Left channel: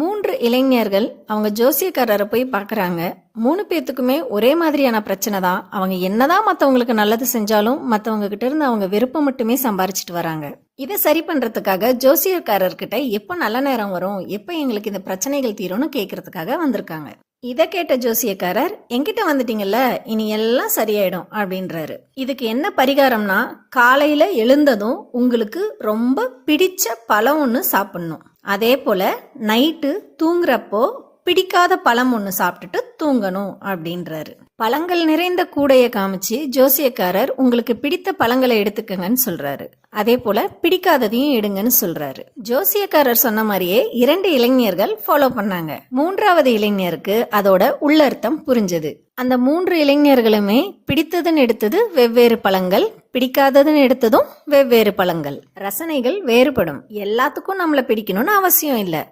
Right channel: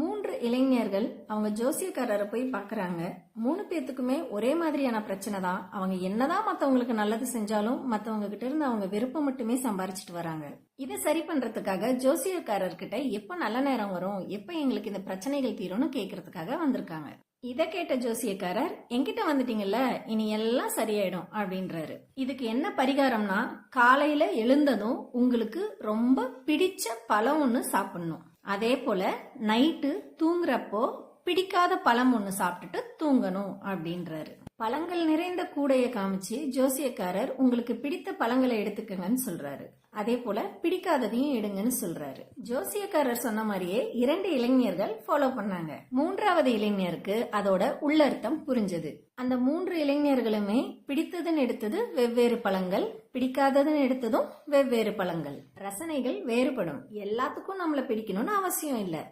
3 இளைஞர்கள் அவங்க ஜோசியக்காரரை போய் பார்க்குறாங்க. 3 பேத்துக்குமே ஒரே மாதிரியான பிரச்சனை தான். அவங்க என்னதான் மற்றவங்களுக்கு நல்லது செஞ்சாலும் மற்றவங்க கிட்ட இருந்து அவங்க வெறுப்பை மட்டுமே சம்பாரிச்சிட்டு வராங்க. இதை சரி பண்ணுறதுக்காக ஜோசியக்காரர்கிட்ட எப்போ நல்ல நேரம் வரும், எப்போ எங்களுக்கு இந்த பிரச்சனைகள் தீரும்னு கேட்கறதுக்காக வந்திருக்காங்க. இதை கேட்ட ஜோசியக்காரர், என்கிட்ட வந்துட்டீங்கல்ல, இனி எல்லாம் சரியாயிடும் அப்படின்றாரு. இதுக்கு என்ன பரிகாரம்னா, காலையில எழுந்ததும் உங்களுக்கு ரொம்ப பிடிச்ச பழம் ஒன்று சாப்பிடணும். அதே போல நைட்டு தூங்குறப்போ பிடிக்காத பழம் ஒன்று சாப்பிட்டுட்டு தூங்கணும் அப்படின்றாரு. பழங்கள் நிறைந்த கூடையை காமிச்சு ஜோசியக்காரர் உங்களுக்கு பிடித்த பழங்களை எடுத்துக்கங்கன்னு சொல்றாரு. அதே போல பிடிக்காததையும் எடுங்கன்னு சொல்றாரு. ஜோசியக்காரர் சொன்ன மாதிரியே 2 இளைஞர்கள் ஃபாலோ பண்ணாங்க. 3வது இளைஞருக்கு அதோட உள்ளர்த்தம் புரிஞ்சது. அந்த 3 இளைஞர்களுமே பிடித்ததுன்னு எடுத்தது வெவ்வேறு பழங்கள், பிடிக்காததுன்னு எடுத்ததும் வெவ்வேறு பழங்கள். ரசனைகள் வேறுபடும். எல்லாத்துக்கும் நம்மளை பிடிக்கணும்னு அவசியம் இல்லை.